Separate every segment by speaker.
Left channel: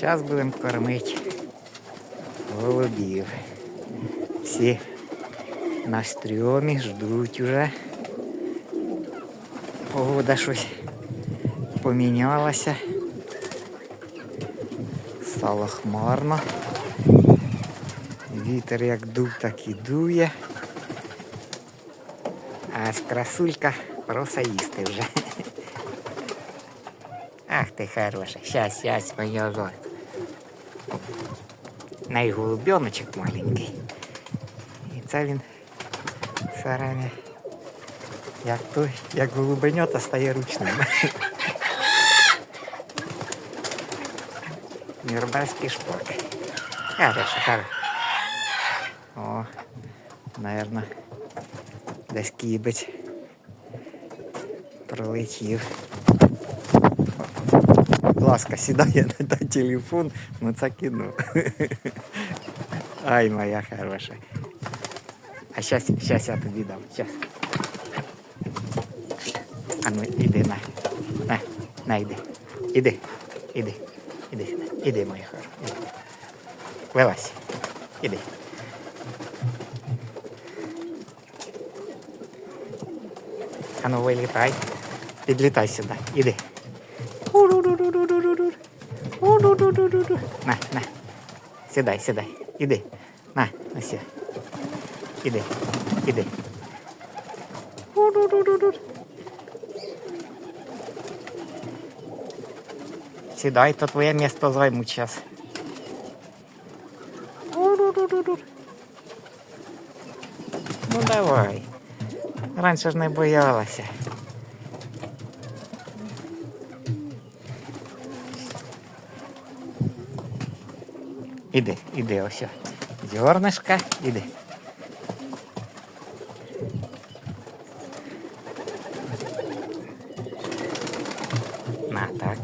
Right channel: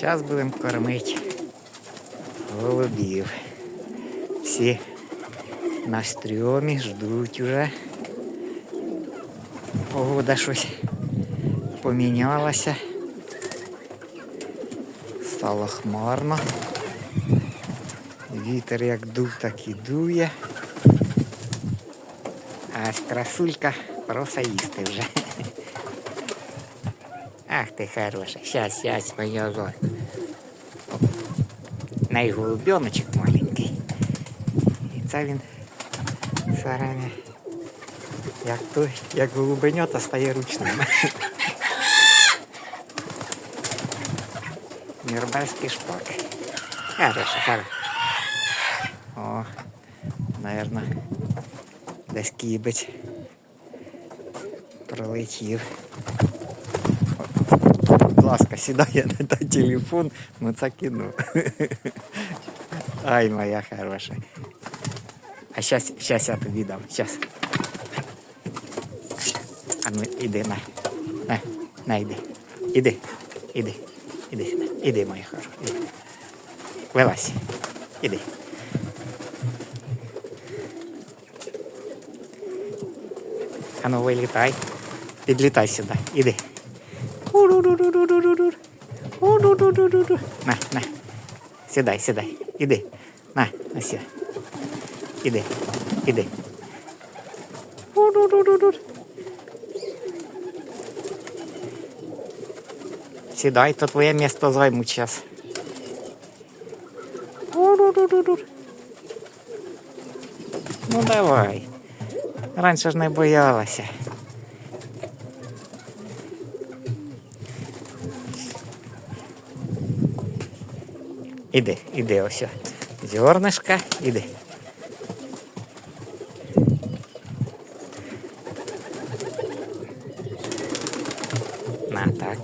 Speaker 1: Зараз будемо кормити голубів. Всі на стрьомі ждуть уже. Погода щось помінялася. Стало хмарно. Вітер як дув, так і дує. А красулька просто їсти вже. Ах ти хороша. Щас, щас, моя зо. Най голубеночок маленький. І це він все время, як той, як голубенята стає ручним. Мірбальський шпак. Хороша, хороша. О, наверно, десь кібець пролетів. Будь ласка, сідає на той телефон, ну це кіно. Ай, моя хороша. А щас, щас я тобі дам. Щас. А ну іди на. На, на іди. Іди. Іди. Іди сюди. Іди, моя хороша. Іди. Вилазь. Іди. А ну вилітай. Підлітай сюди. Іди. На, на. Сідай, сідай. Іди. На, на сі. Іди. Іди. Сідай, то твоє місто займуть зараз. Ну давай. Раніше ж не боялася. Іди, іди ось. Зернышко, іди. На так.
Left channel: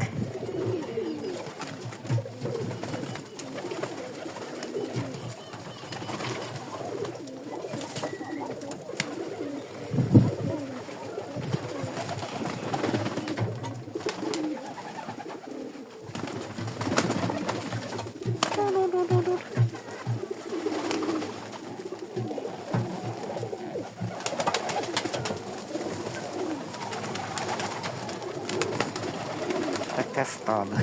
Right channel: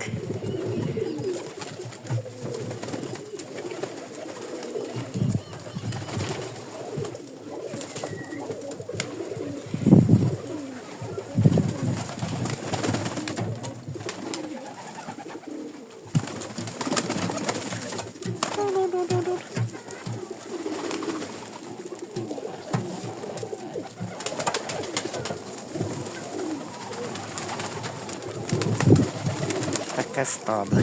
Speaker 1: Таке стадо.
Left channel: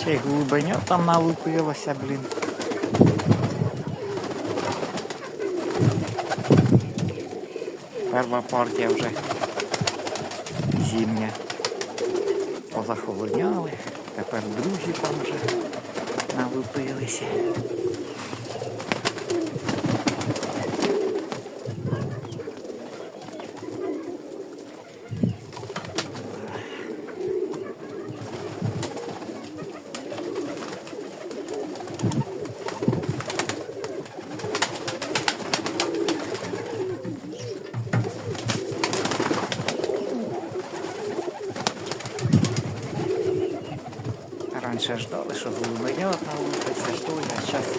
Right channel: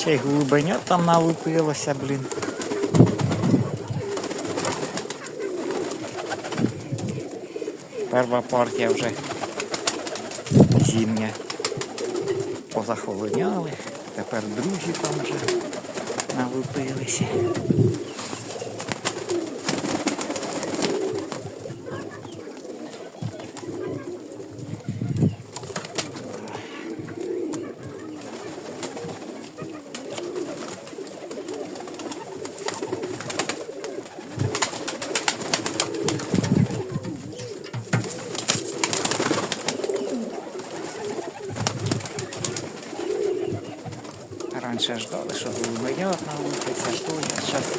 Speaker 1: Ще й глибиня там налупилося, блін. Перша партія вже зімня. Позахолоняли. Тепер другі там вже налупилися. Раніше ждали, що голубенят налупиться, що я зараз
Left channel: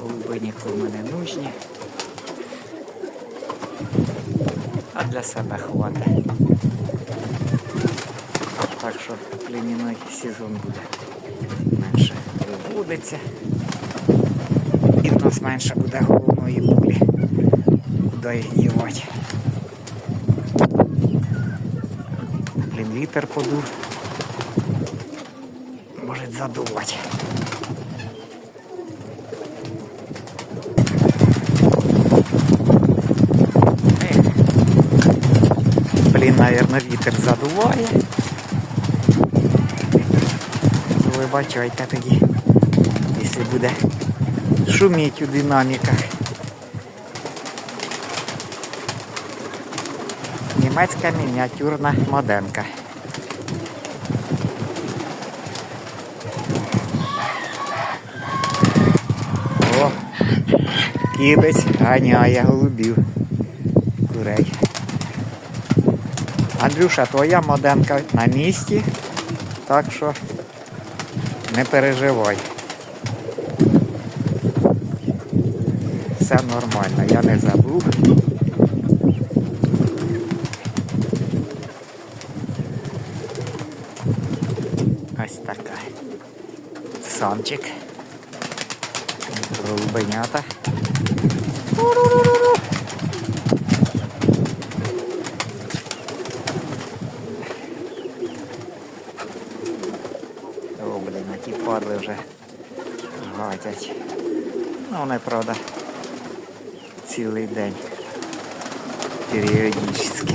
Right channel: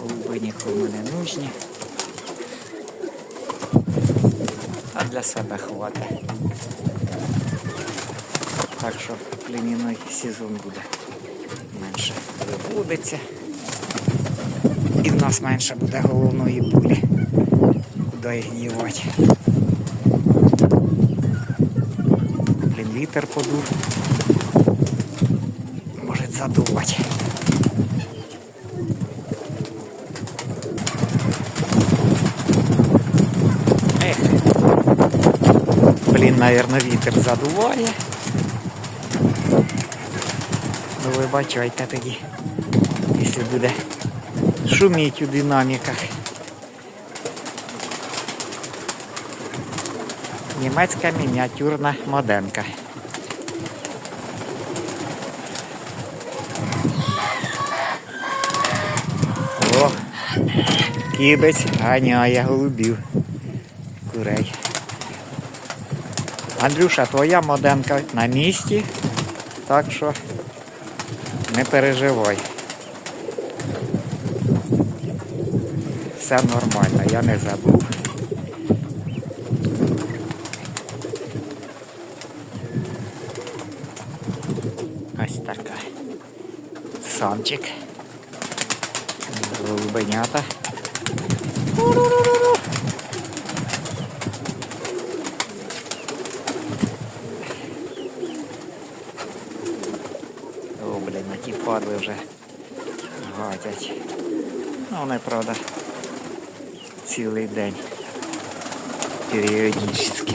Speaker 1: голуби нікому не нужні. А для себе хватить. Так що племінний сезон буде менше виводиться. І в нас менше буде головної болі. Куди їх дівати. Блін, вітер подув. Задувати. Ех. Блін, наверное, вітер задуває. Ну, вибачайте тоді, якщо буде шуміть у динаміках. Німецька мініатюрна модемка. Кібець ганяє голубів. Курей. Андрюша, твоя модемка на місці, так що не переживай. Все нормально, я не забув. Ось така. Самчик. Голубенята. О, блін, а ті падли вже гатять. Ну, вони, правда, цілий день. Періодически.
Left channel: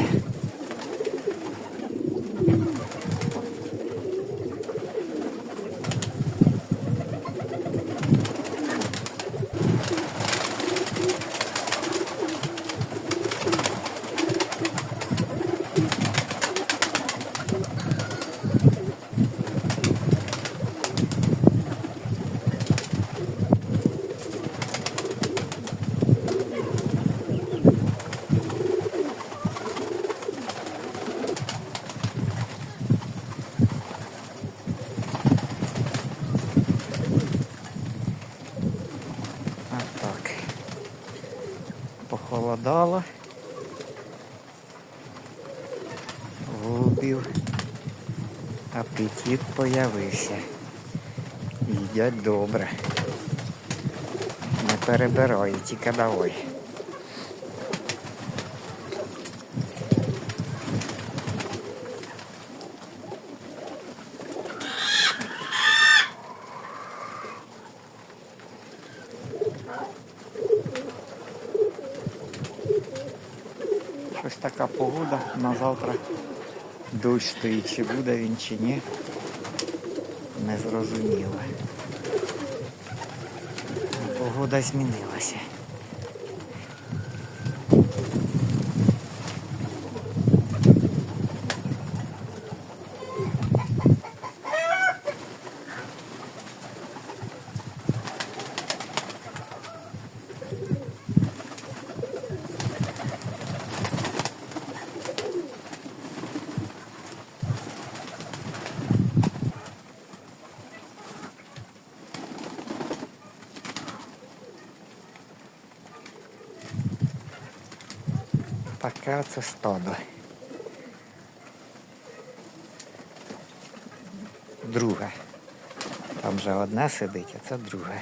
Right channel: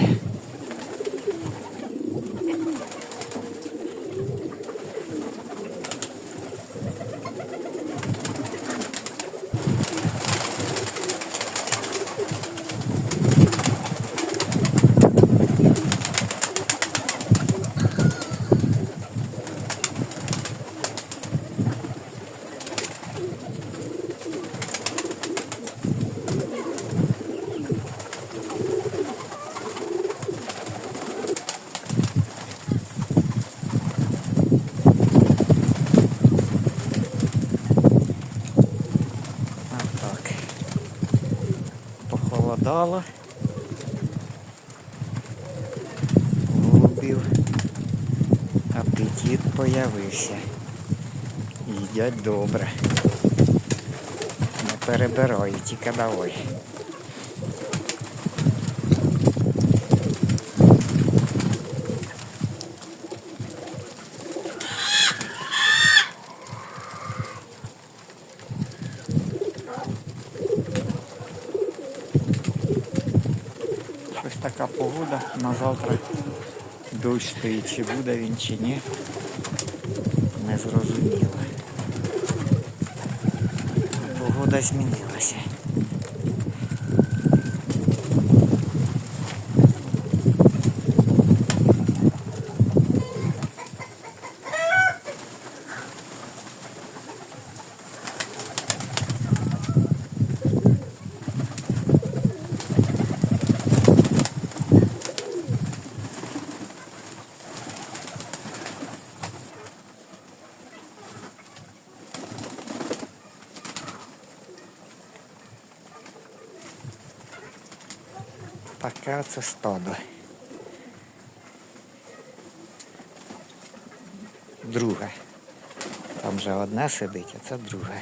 Speaker 1: Похолодало. Голубів. Апетит появився. Їдять добре. Не перебирають, тільки давай. Щось така погода на завтра. Дощ стоїть, чи буде він, чи ні. Не зрозуміло. Погода змінилася. Таке оце стадо. Друге. Там вже одне сидить, а це друге.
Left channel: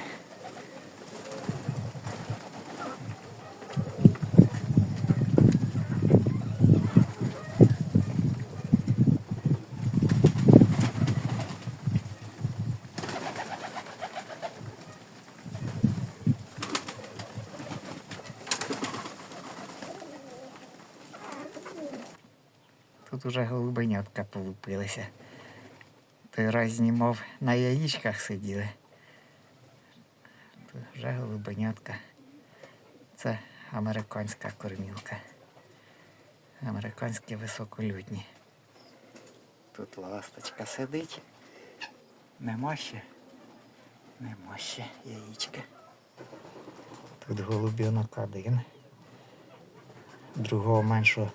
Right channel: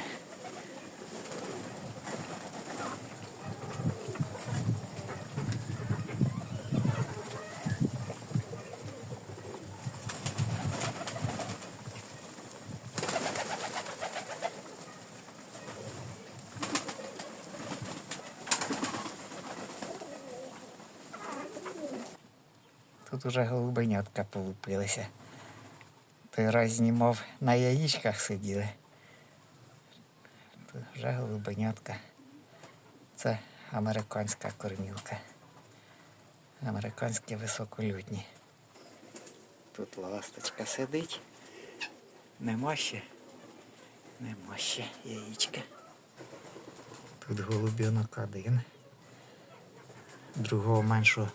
Speaker 1: Тут уже голубенятка полупилися. Той раз знімав на яєчках сиділи. Тут вже голубенятка. Це американська кормілка. Американські високолюдні. Тут ласточка сидить. Нема ще. Нема ще яєчка. Тут голубінок один. Другого меншого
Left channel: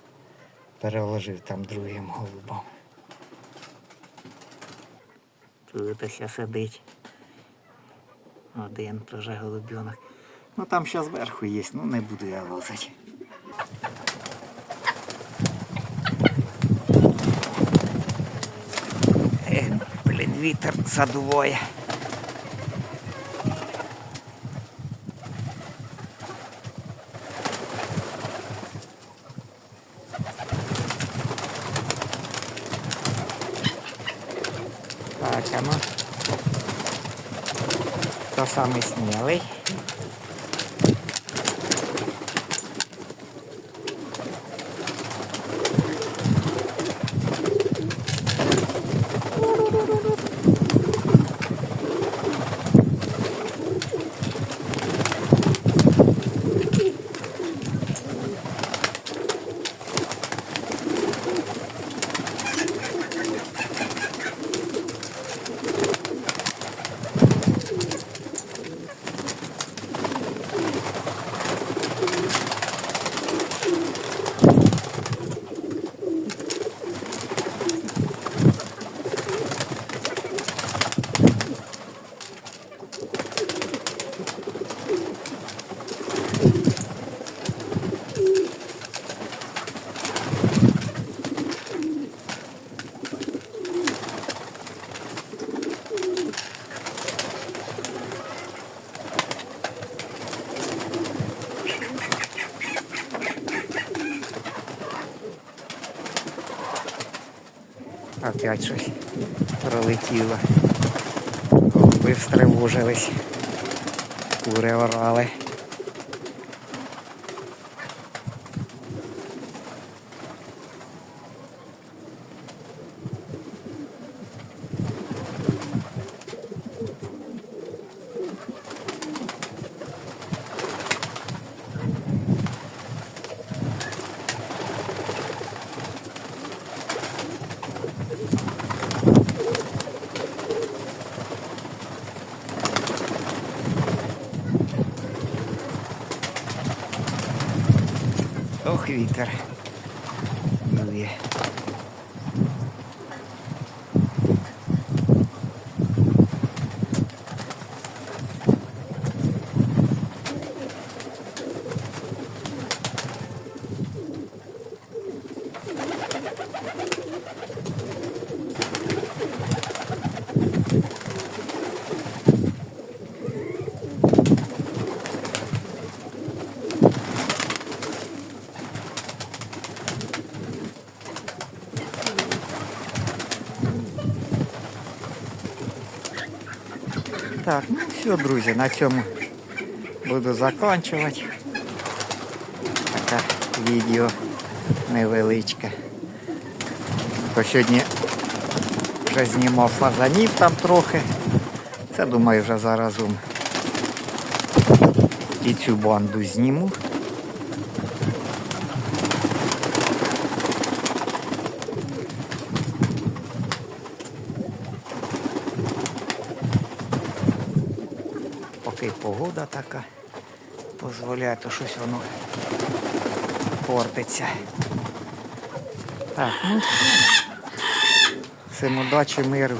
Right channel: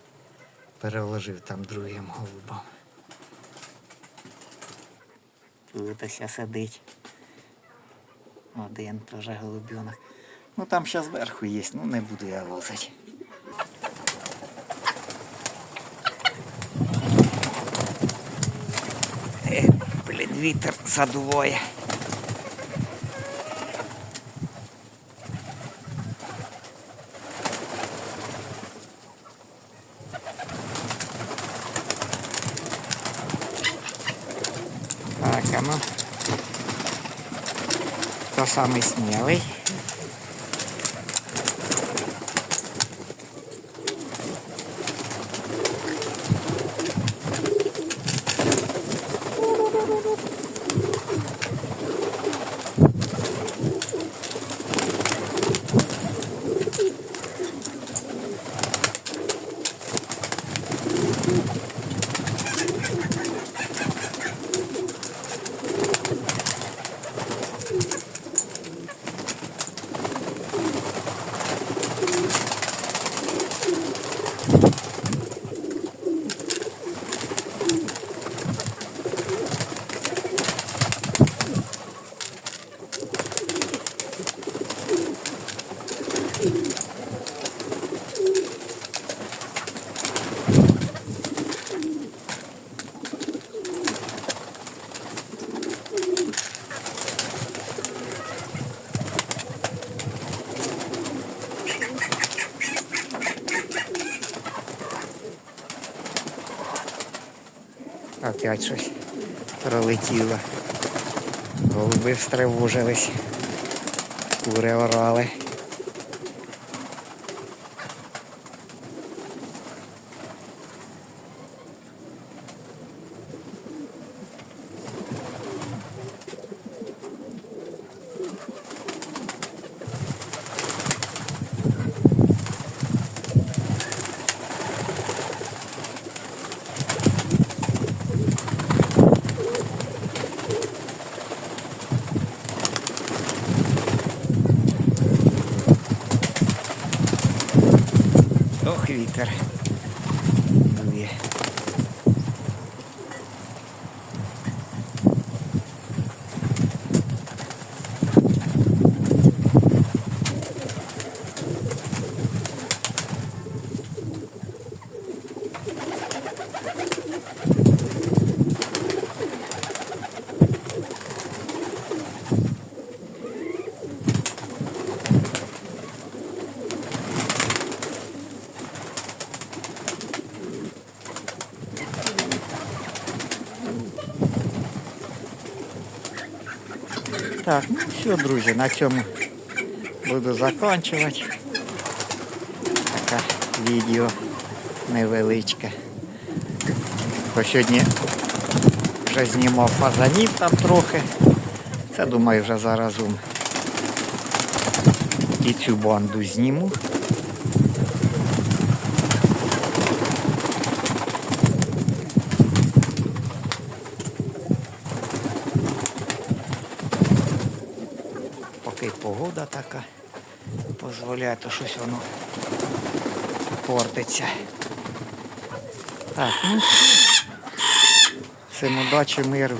Speaker 1: переложив там другим голубом. Тут ось сидить. Один теж голубенок. Ну там ще зверху є, ну не буду я лазити. Е, блін, вітер задуває. Ну. Хто самий смілий? Опять щось пролетіло. Голуби стривожились. Кури орали. Вітер. Дує. Так, ну все, друзі, на цьому буду закінчувати. Таке відео невеличке. Бо сьогодні вже знімав фазанів там трохи. Це думаю вже заразом. І цю банду зніму. Погода така дозволяє, то щось воно портиться. Так, ну все. Всім удачі, миру,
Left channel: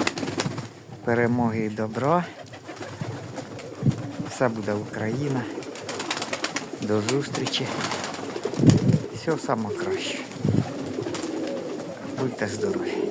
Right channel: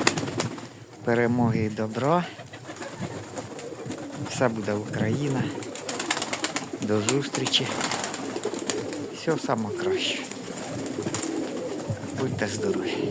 Speaker 1: перемоги і добра. Все буде Україна. До зустрічі. Все саме краще. Будьте здорові.